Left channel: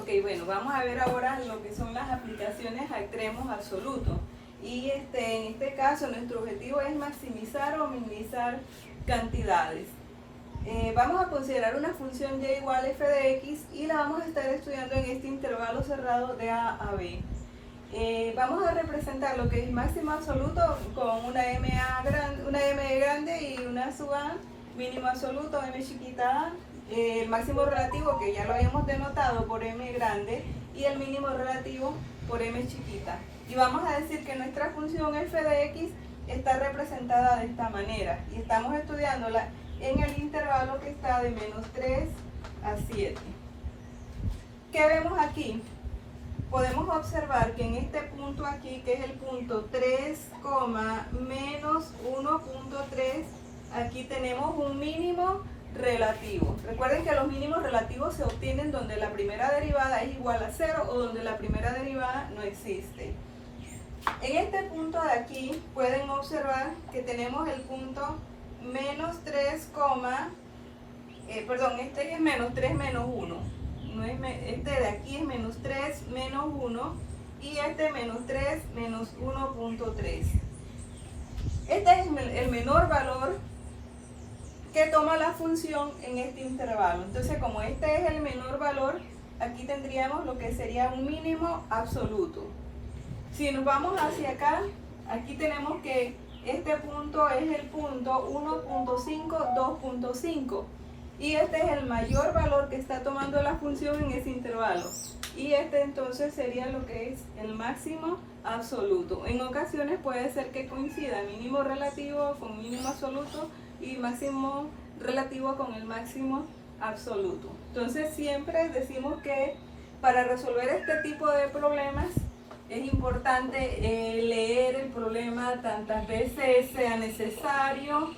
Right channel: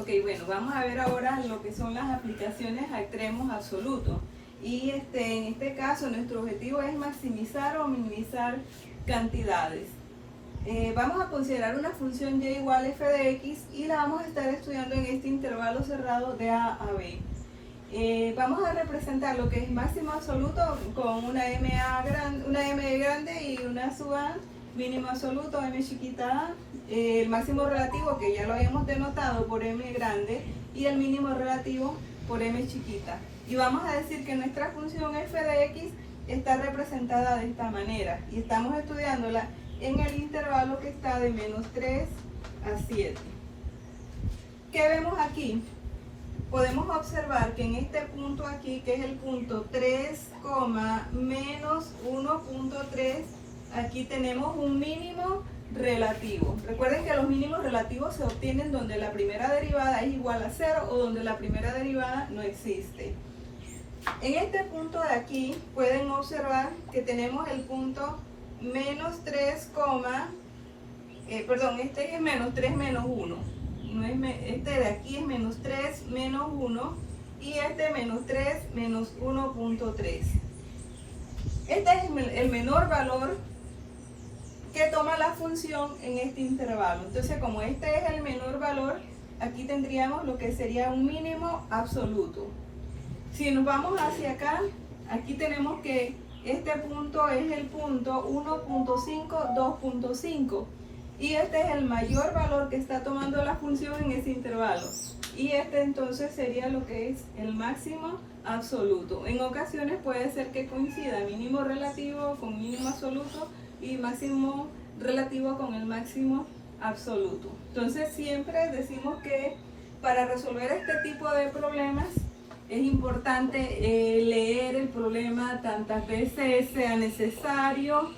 Ok, bueno, vamos a ver ahora lo que son las aplicaciones a extremos absolutos. Y en este caso nuestro objetivo es maximizar o minimizar cantidades. Vamos a considerar una función y igual a f de x y la vamos a estar estudiando en este intervalo cerrado de a a b. Vamos a representar lo que es máximo absoluto con una m grande y una sub a, mínimo absoluto, m chiquita a, el máximo relativo que ya lo habíamos denotado por m grande y el mínimo relativo por m chiquita. Y vamos a decir que nuestra función f de x está representada de esta manera y estamos estudiándola en el intervalo que está de menos 3 a 7. ¿Qué vemos aquí? Podemos observar que en este punto aquí, que es el punto 3, menos 1.3, aquí tenemos un mínimo relativo. Recuerden que los mínimos relativos se obtienen donde la primera derivada es igual a 0 o donde la primera derivada no existe. En este punto de aquí pueden observar que tenemos el punto menos 3, este es menos 3 menos 1. Este de aquí es menos 3 menos 1 y este menos 3 menos 1.3. Este es el menor valor que toma la función en este intervalo. Entonces, como este es el menor valor, aquí tendríamos lo que sería un mínimo absoluto. Si nos vamos hacia acá, aquí tenemos que este punto es el punto 1.5, 2.5 y este es el mayor valor que está tomando la función en ese intervalo y este entonces sería lo que es el máximo absoluto. En ocasiones puede ser que coincida mínimo relativo con mínimo absoluto y máximo relativo con el máximo absoluto. Entonces siempre decimos que para resolver este tipo de problemas es importante leer el problema tantas veces sea necesario,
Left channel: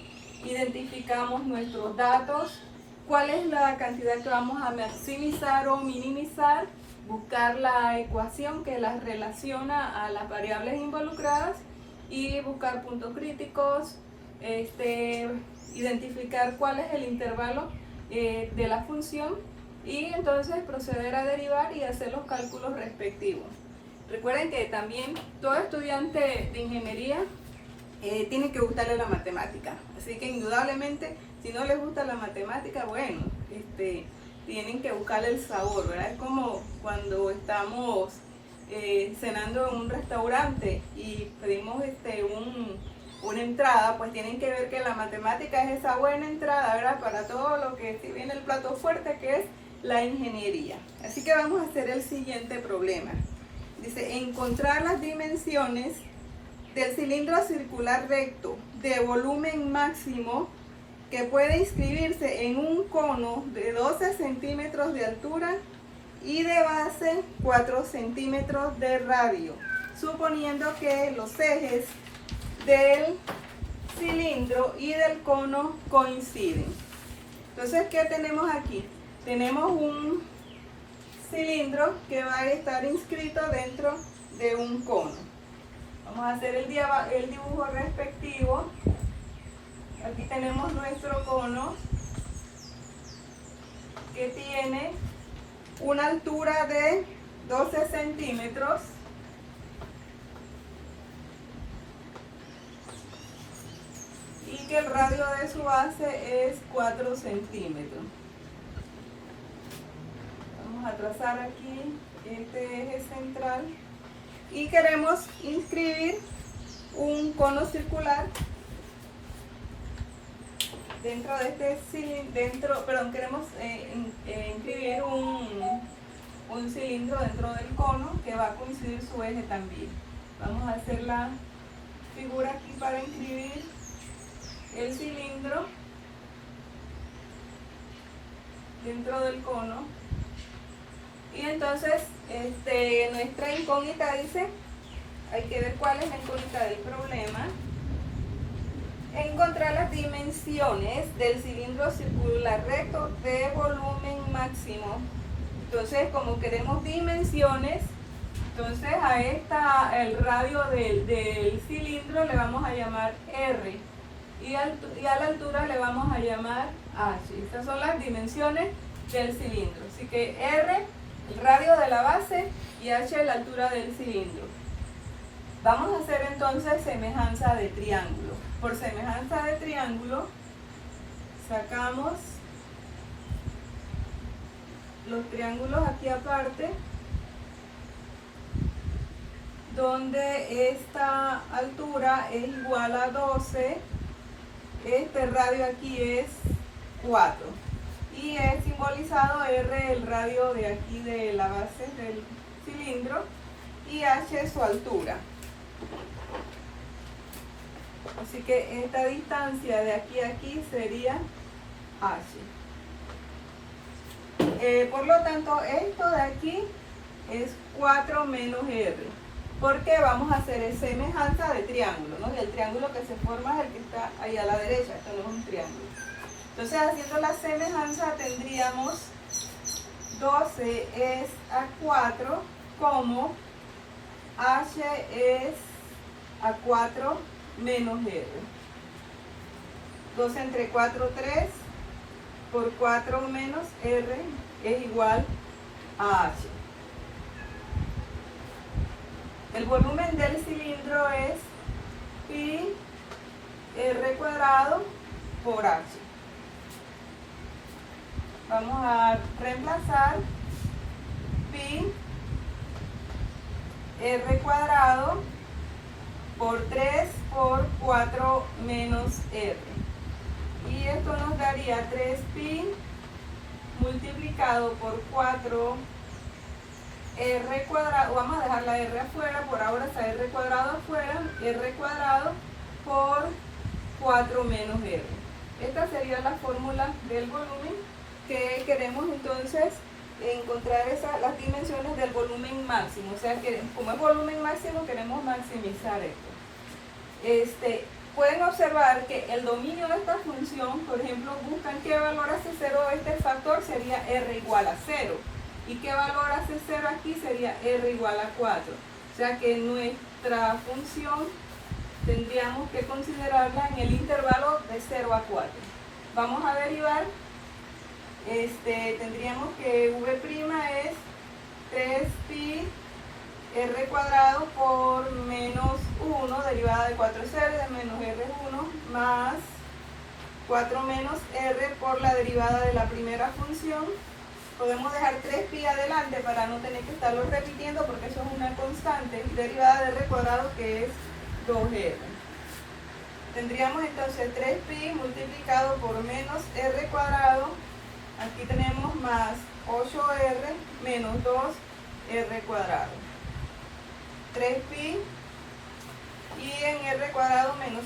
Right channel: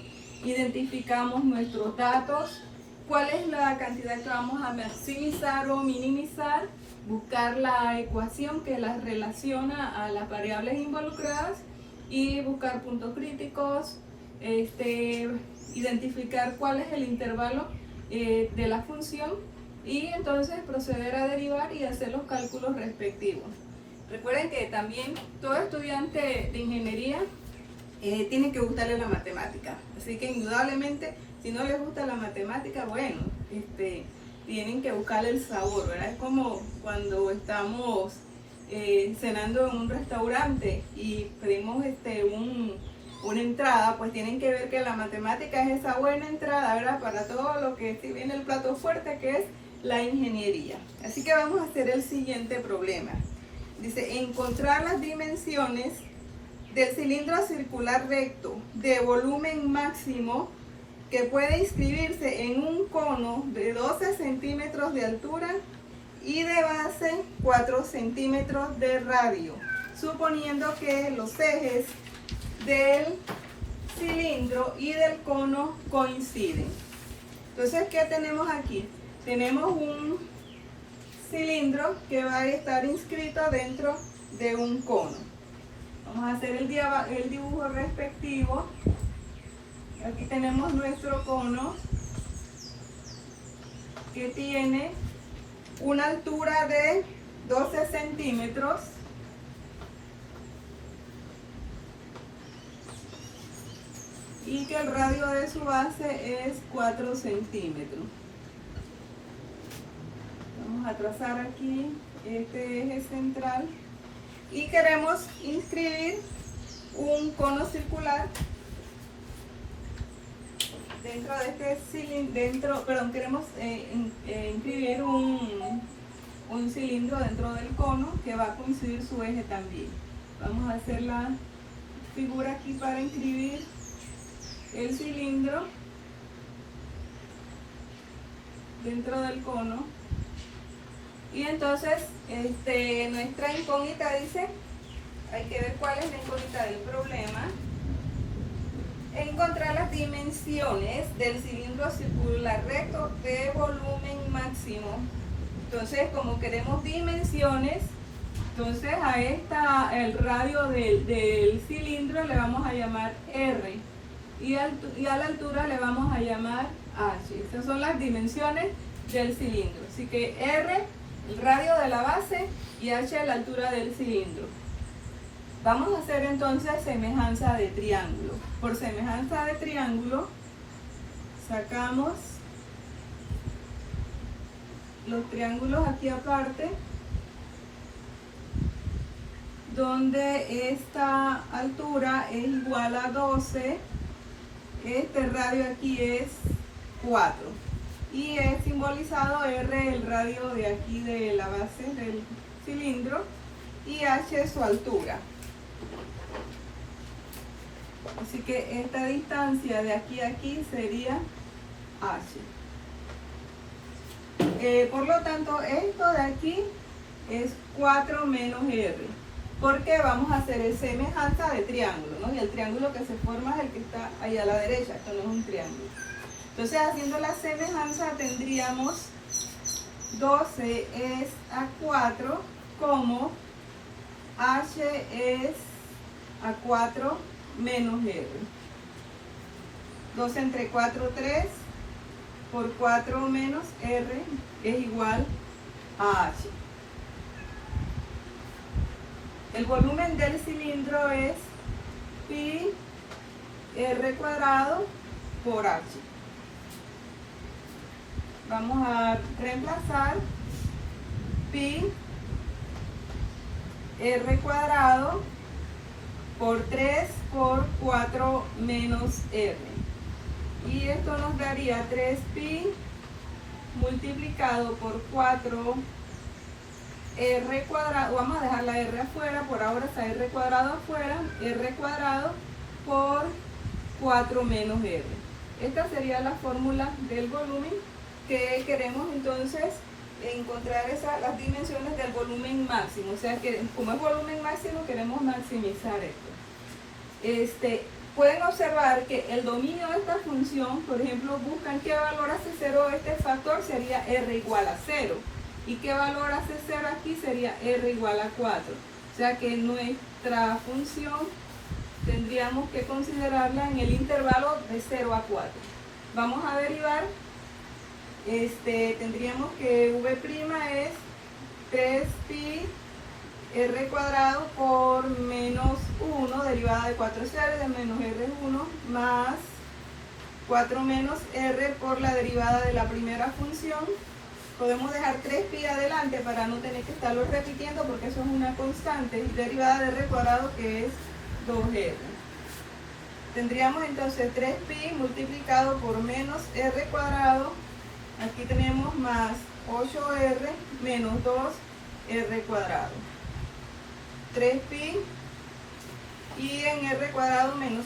identificamos nuestros datos, cuál es la cantidad que vamos a maximizar o minimizar, buscar la ecuación que las relaciona a las variables involucradas y buscar puntos críticos, identificar cuál es el intervalo de la función y entonces proceder a derivar y hacer los cálculos respectivos. Recuerden que también todo estudiante de ingeniería tiene que gustarle la matemática, así que indudablemente si no les gusta la matemática, bueno, tienen que buscarle el sabor, ¿verdad? Es como cuando estamos cenando en un restaurante y pedimos una entrada, pues tienen que ver que la matemática es esa buena entrada, ¿verdad? Para todo lo que si viene el plato fuerte que es la ingeniería. Así que vamos a hacer el siguiente problema. Dice, encontrar las dimensiones del cilindro circular recto de volumen máximo que puede inscribirse en un cono de 12 centímetros de altura y de base 4 centímetros de radio, suponiendo que los ejes del cilindro y del cono coinciden. Entonces, ¿qué tenemos aquí? Tenemos un cilindro que va a estar inscrito dentro de un cono. Vamos a hacer el dibujo respectivo. Aquí tenemos nuestro cono que tiene una altura de 12 centímetros y que el radio de su base es 4 centímetros. Vamos a trazar aquí este eje central y queremos inscribir un cono circular dentro de este cilindro, queremos inscribir un cilindro dentro del cono que va a coincidir su eje también. Vamos a hacer la figura aquí para inscribir el cilindro dentro del cono. Y entonces nuestra incógnita dice, hay que ver cuál es la incógnita del problema. Encontrar las dimensiones del cilindro circular recto de volumen máximo. Entonces, como queremos dimensiones, entonces el radio del cilindro le vamos a llamar R y a la altura le vamos a llamar H. Estas son las dimensiones del cilindro. Así que R, el radio la base y h la altura del cilindro. Vamos a hacer entonces semejanza de triángulo. Por semejanza de triángulo sacamos los triángulos aquí aparte, donde esta altura es igual a 12, este radio aquí es 4 y es simbolizado R, el radio de aquí de la base del cilindro, y h su altura. Así que esta distancia de aquí a aquí sería h. Por lo tanto, esto de aquí es 4 menos r, porque vamos a hacer semejanza de triángulo, ¿no? Y el triángulo que se forma es el que está ahí a la derecha, tenemos un triángulo. Entonces, haciendo la semejanza, tendríamos 12 es a 4, como h es a 4 menos r. 12 entre 4, 3, por 4 menos r es igual a h. El volumen del cilindro es pi r cuadrado por h. Vamos a reemplazar pi r cuadrado por 3 por 4 menos r. Y esto nos daría 3pi multiplicado por 4 r cuadrado, vamos a dejar la r afuera, por ahora está r cuadrado afuera, r cuadrado por 4 menos r. Esta sería la fórmula del volumen, que queremos entonces encontrar las dimensiones del volumen máximo. O sea que como es volumen máximo, queremos maximizar esto. Pueden observar que el dominio de esta función, por ejemplo, buscan qué valor hace 0 este factor, sería r igual a 0. Y qué valor hace 0 aquí sería r igual a 4. O sea que nuestra función tendríamos que considerarla en el intervalo de 0 a 4. Vamos a derivar. Tendríamos que v' es 3pi r cuadrado por menos 1, derivada de 4 es r, de menos r es 1, más 4 menos r por la derivada de la primera función. Podemos dejar 3pi adelante para no tener que estarlo repitiendo, porque eso es una constante, y derivada de r cuadrado, que es 2r. Tendríamos entonces 3pi multiplicado por menos r cuadrado, aquí tenemos más 8r menos 2r cuadrado. 3pi y en r cuadrado menos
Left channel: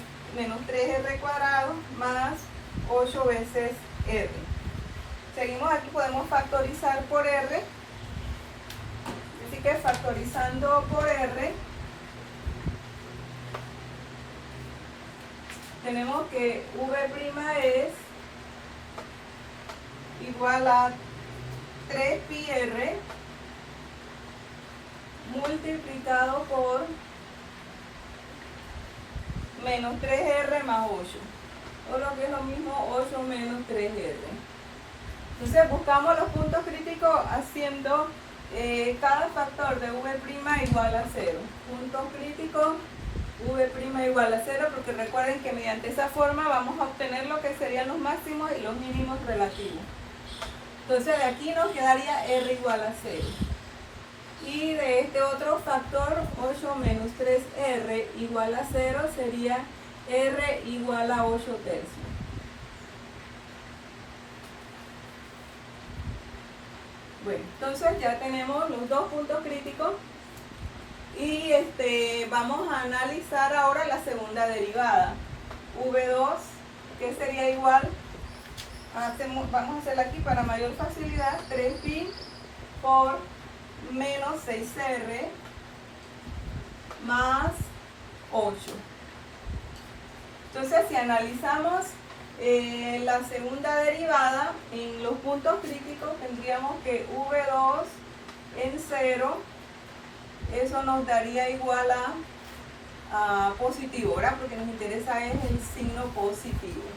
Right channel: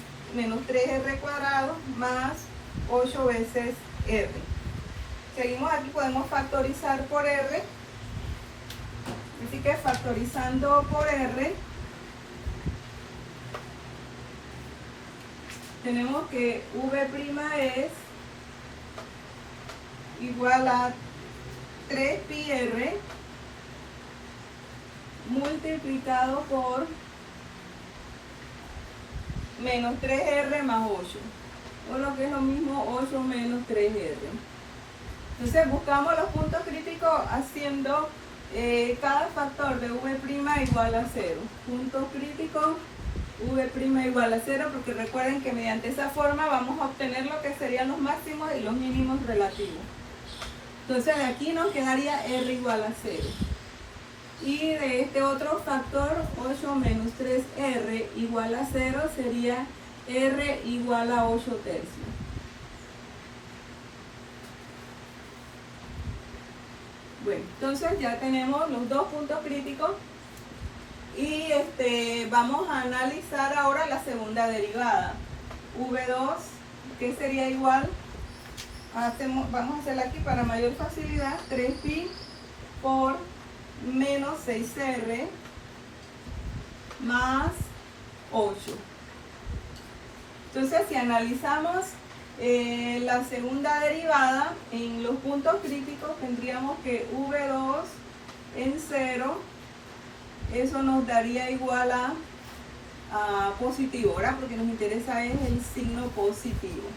3r cuadrado más 8 veces r. Seguimos aquí, podemos factorizar por r, así que factorizando por r tenemos que v' es igual a 3πr multiplicado por menos 3r más 8, o lo que es lo mismo 8 menos 3r. Entonces buscamos los puntos críticos haciendo cada factor de v' igual a 0. Puntos críticos v' igual a 0, porque recuerden que mediante esa forma vamos a obtener lo que serían los máximos y los mínimos relativos. Entonces de aquí nos quedaría r igual a 0. Y de este otro factor, 8 menos 3r igual a 0, sería r igual a 8 tercios. Bueno, entonces ya tenemos los dos puntos críticos y vamos a analizar ahora la segunda derivada. V2, que sería igual, vamos a hacerla aquí para mayor facilidad, 3pi por menos 6r más 8. Entonces, si analizamos la segunda derivada en los puntos críticos, tendríamos que v2 en 0, eso nos daría igual a positivo, ¿verdad? Porque nos interesa es el signo positivo.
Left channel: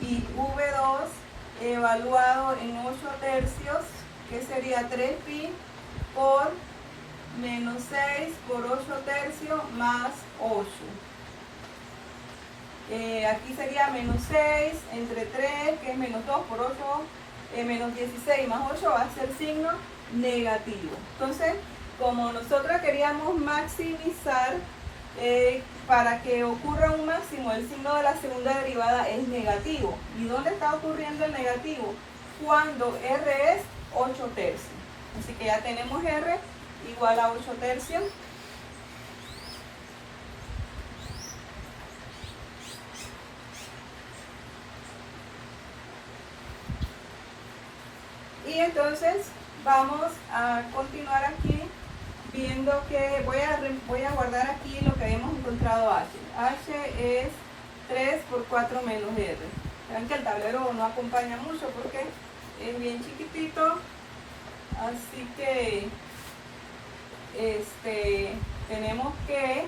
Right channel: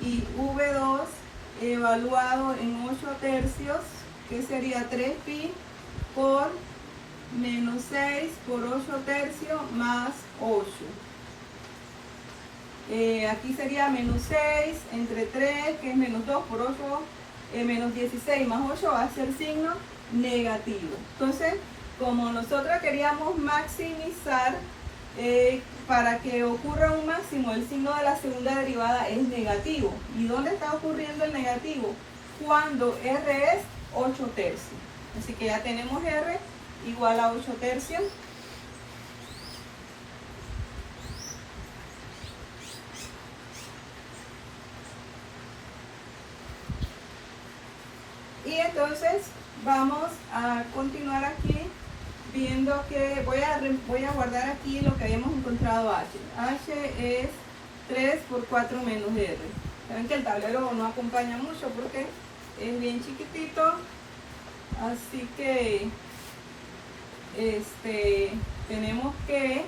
Y v2 evaluado en 8 tercios, que sería 3pi por menos 6 por 8 tercios más 8. Aquí sería menos 6 entre 3, que es menos 2 por 8, menos 16 más 8 va a ser signo negativo. Entonces, como nosotros queríamos maximizar, para que ocurra un máximo, el signo de la segunda derivada es negativo. ¿Y dónde está ocurriendo el negativo? Cuando R es 8 tercios. Así que ya tenemos R igual a 8 tercios. Y entonces vamos a continuar aquí viendo que voy a guardar aquí lo que habíamos encontrado H. H es 3 por 4 menos R. Saben que el tablero no acompaña mucho porque es bien chiquitito, así que tenemos que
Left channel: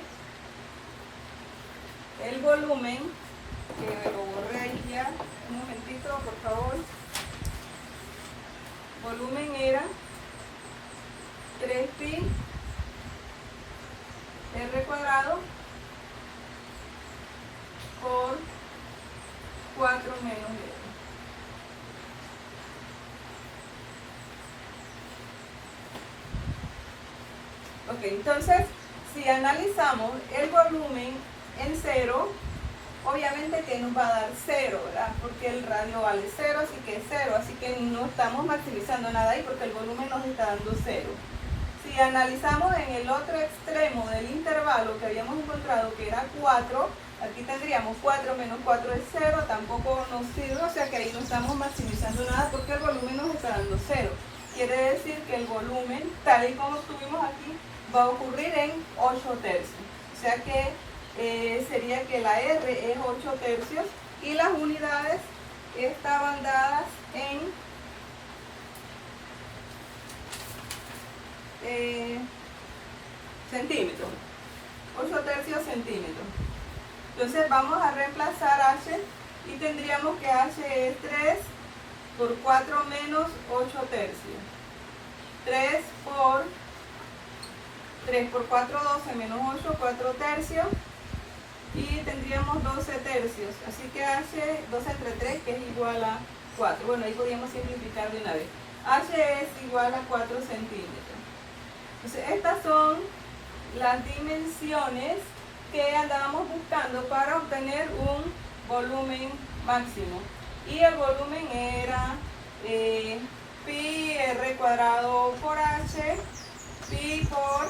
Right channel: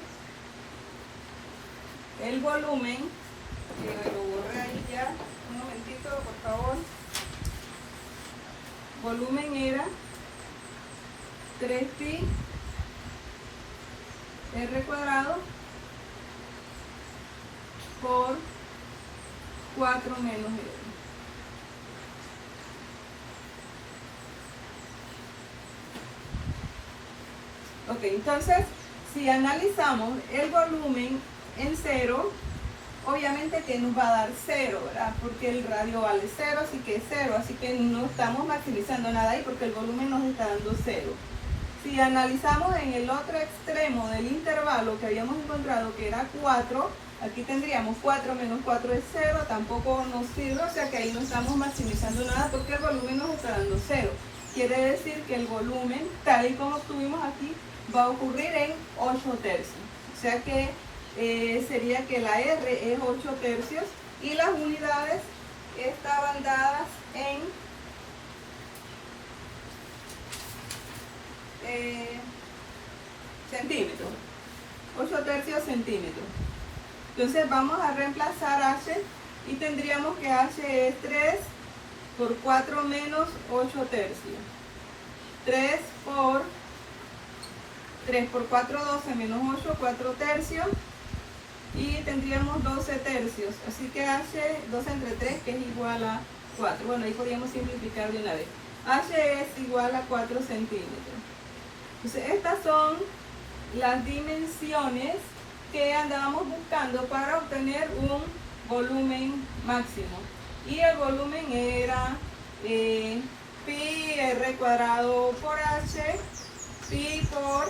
el volumen, que lo borré ahí ya, un momentito por favor. Volumen era 3pi r cuadrado por 4 menos r. Ok, entonces si analizamos el volumen en cero, obviamente que nos va a dar 0, ¿verdad? Porque el radio vale 0, así que es 0, así que no estamos maximizando nada ahí porque el volumen nos está dando 0. Si analizamos en el otro extremo del intervalo que habíamos encontrado, que era 4, aquí tendríamos 4 menos 4 es 0, tampoco nos sirve, o sea que ahí no estamos maximizando nada porque el volumen nos está dando 0. Quiere decir que el volumen, tal y como tuvimos aquí, va a ocurrir en 8 tercios. O sea que sería que la R es 8 tercios y las unidades estaban dadas en centímetros, 8 tercios centímetros. Entonces vamos a reemplazar H y tendríamos que H es 3 por 4 menos 8 tercios. 3 por 4, 12 menos 8, 4 tercios. Y tendríamos 12 tercios. Así que H, 12 entre 3, que es igual a 4. Bueno, ahí podríamos simplificar de una vez. H es igual a 4 centímetros. Entonces, estas son las dimensiones que andábamos buscando para obtener un volumen máximo. Y el volumen era pi r cuadrado por h, pi por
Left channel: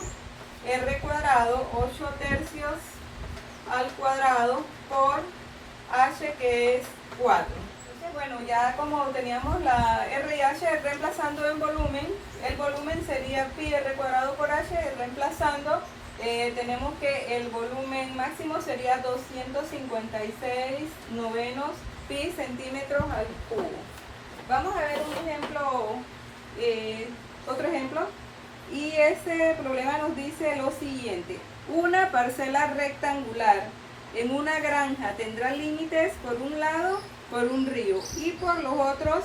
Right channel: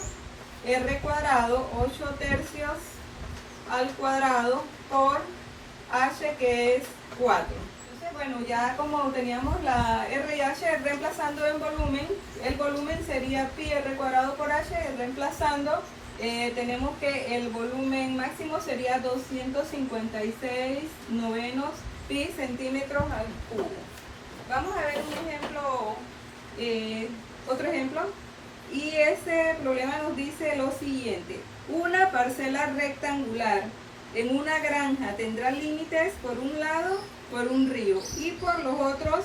r cuadrado, 8 tercios al cuadrado por h, que es 4. Entonces, bueno, ya como teníamos la r y h reemplazando en volumen, el volumen sería pi r cuadrado por h, reemplazando tenemos que el volumen máximo sería 256 novenos pi centímetros al cubo. Vamos a ver un ejemplo, otro ejemplo, y este problema nos dice lo siguiente: una parcela rectangular en una granja tendrá límites por un lado por un río y por los otros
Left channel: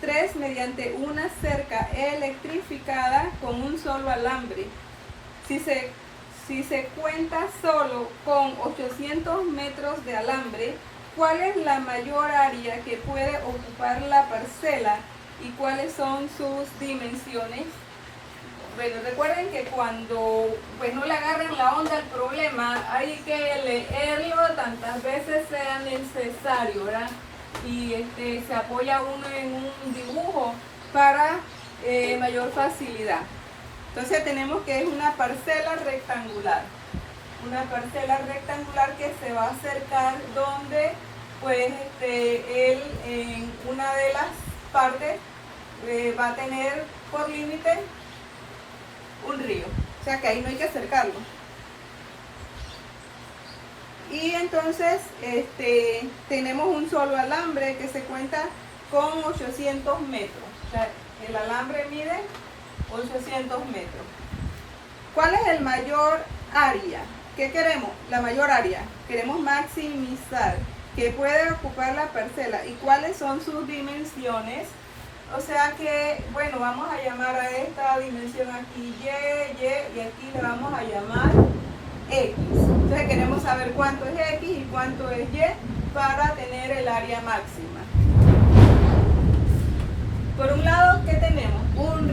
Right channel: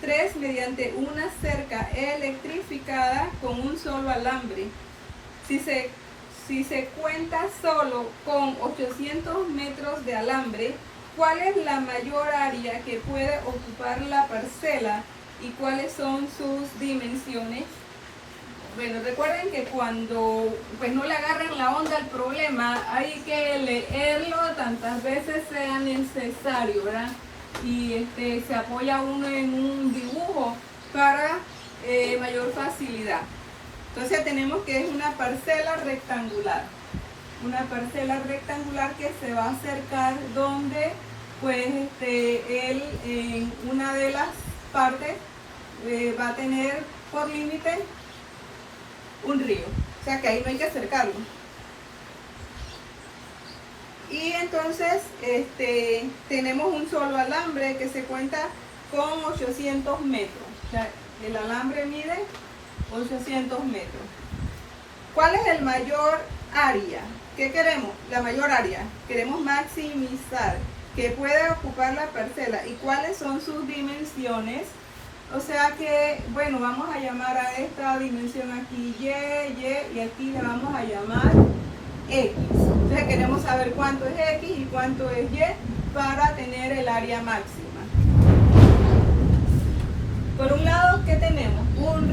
tres mediante una cerca electrificada con un solo alambre. Si se cuenta solo con 800 metros de alambre, ¿cuál es la mayor área que puede ocupar la parcela y cuáles son sus dimensiones? Bueno, recuerden que cuando pues no le agarren la onda al problema, hay que leerlo tantas veces sea necesario, ¿verdad? Y se apoya uno en un dibujo para mayor facilidad. Entonces tenemos que es una parcela rectangular. Una parcela rectangular que se va a acercar donde pues él en una de las partes va a tener por límite un río. O sea que ahí no hay que acercarlo. Y entonces tenemos un solo alambre que se cuenta con 800 metros. O sea, el alambre mide 800 metros. ¿Cuál es el mayor área? ¿Qué queremos? La mayor área. Queremos maximizar que puede ocupar la parcela. ¿Y cuáles son sus dimensiones? O sea que, bueno, vamos a llamar a esta dimensión aquí y, y aquí le vamos a llamar X. Entonces queremos saber cuánto es X y cuánto es Y para tener el área máxima. Por un lado, ¿qué tenemos? Un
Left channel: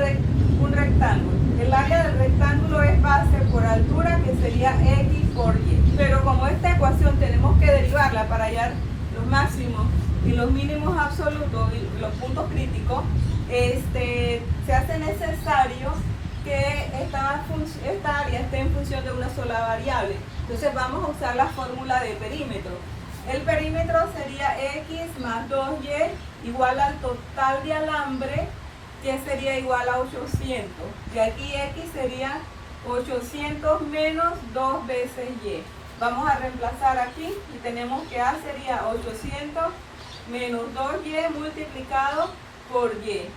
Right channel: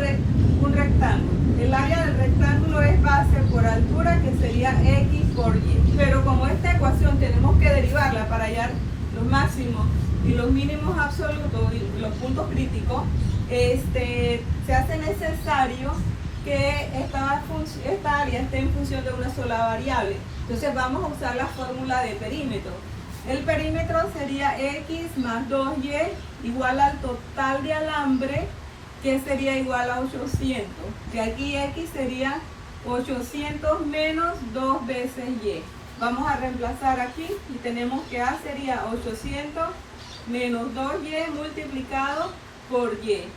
rectángulo. El área del rectángulo es base por altura, que sería X por Y. Pero como esta ecuación tenemos que derivarla para hallar los máximos y los mínimos absolutos, los puntos críticos, se hace necesario que esta área esté en función de una sola variable. Entonces vamos a usar la fórmula de perímetro. El perímetro sería X más 2Y igual al total de alambre, que sería igual a 800. Y aquí X sería 800 menos 2 veces Y. Vamos a reemplazar aquí y tenemos que A sería 800 menos 2Y multiplicado por Y.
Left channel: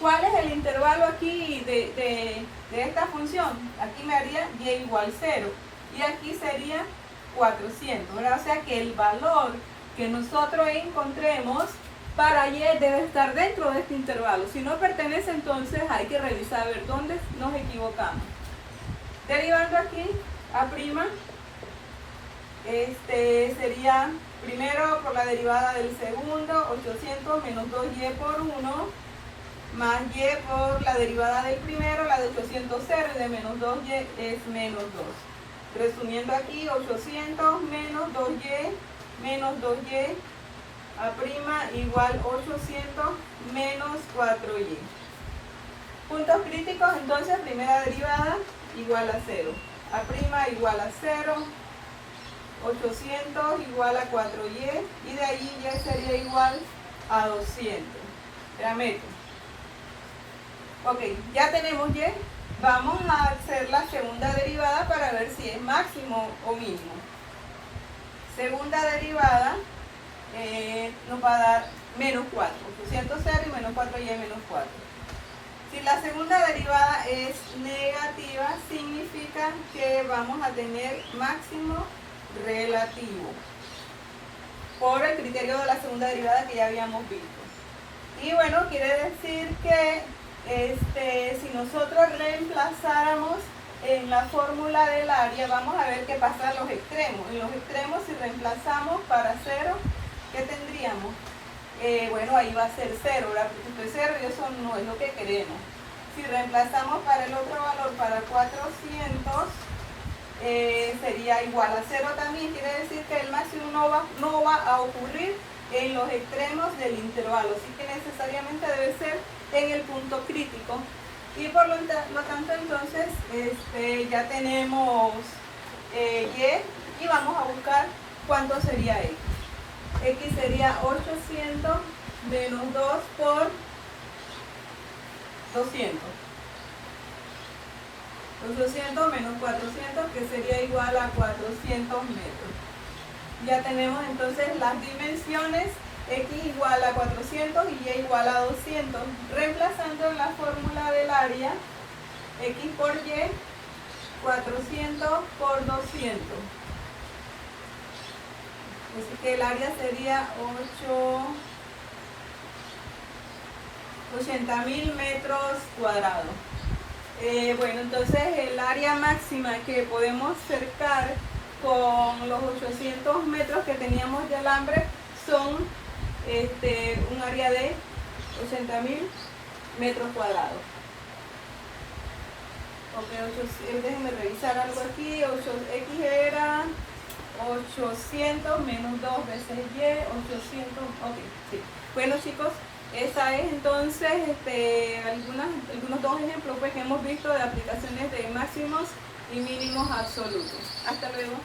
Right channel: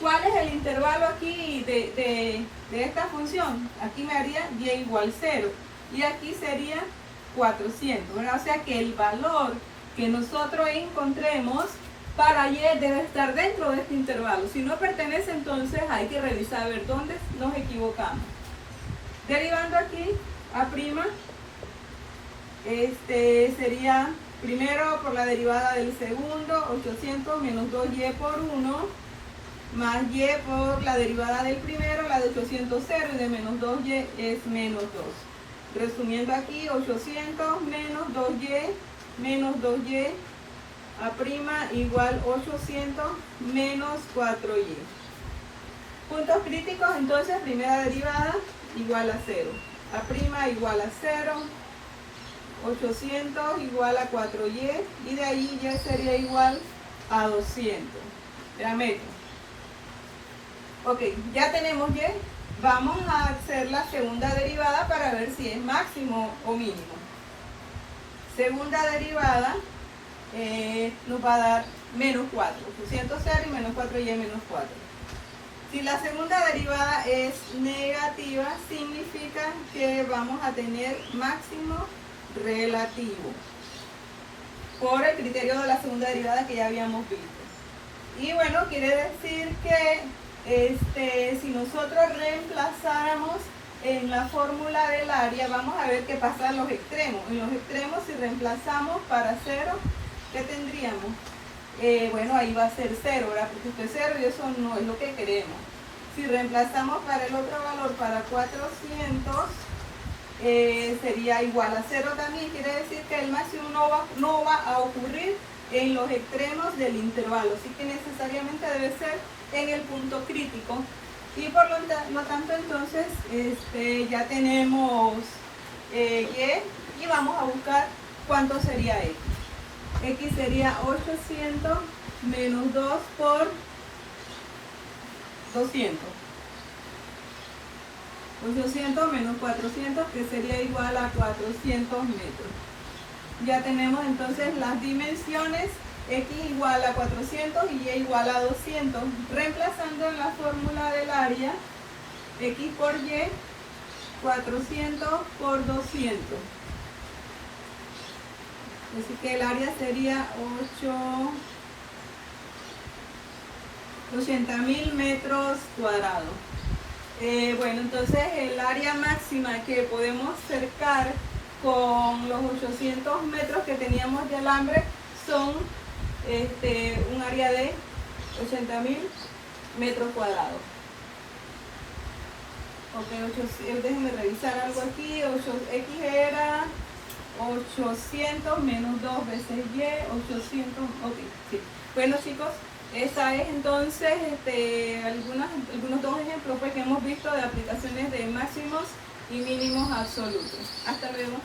¿Cuál es el intervalo aquí de esta función? Aquí me haría Y igual 0 y aquí sería 400, ¿verdad? O sea que el valor que nosotros encontremos para Y debe estar dentro de este intervalo. Si no pertenece, entonces hay que revisar a ver dónde nos equivocamos. Derivando aquí A', sería primero por la derivada del segundo, 800 menos 2Y por 1, más Y por la derivada del primero, la de 800 0 y de menos 2Y es menos 2. Resumiendo aquí, 800 menos 2Y A' igual 800 menos 4Y. Puntos críticos, entonces, primera derivada igual a 0. A' igual a 0, 800 igual a 4Y, y de ahí Y sería igual a 200. Ya meto. Ok, ya tenemos Y. Vamos a hacer la segunda derivada para ver si es máximo o mínimo. Segunda derivada nos va a dar menos 4. 800 0 y menos 4Y menos 4. Si la segunda derivada es negativa, significa que vamos a tener máximo relativo por el criterio de la segunda derivada que ya habíamos visto. Y bueno, quiere decir que si nosotros reemplazáramos en la fórmula del área, vamos a ver qué pasa en los extremos. En los extremos, si reemplazamos para 0, ¿qué tendríamos? Bueno, ahí va a ser 0, ¿verdad? Porque esto es 0 y eso no es lo que queremos. Si reemplazamos para el otro valor, para 400, sería igual a 0 también. Quiere decir que el máximo no va a ocurrir en los extremos del intervalo, así que necesariamente debe ser en el punto crítico. Y por lo tanto, entonces, ya tenemos Y, y vamos a buscar cuánto sería X. X sería 800 menos 2 por 200. 800 menos 400, que sería igual a 400 metros. Ya tenemos entonces las dimensiones, X igual a 400 y Y igual a 200. Reemplazando en la fórmula del área, X por Y, 400 por 200. Así que el área sería 80.000 metros cuadrados. Bueno, entonces el área máxima que podemos cercar con los 800 metros que teníamos de alambre son un área de 80.000 metros cuadrados. Ok, déjenme revisar algo aquí. X era 800 menos 2 veces Y, 800, ok, sí. Bueno, chicos, esa es entonces algunos dos ejemplos pues, que hemos visto de aplicaciones de máximos y mínimos absolutos. Hasta luego.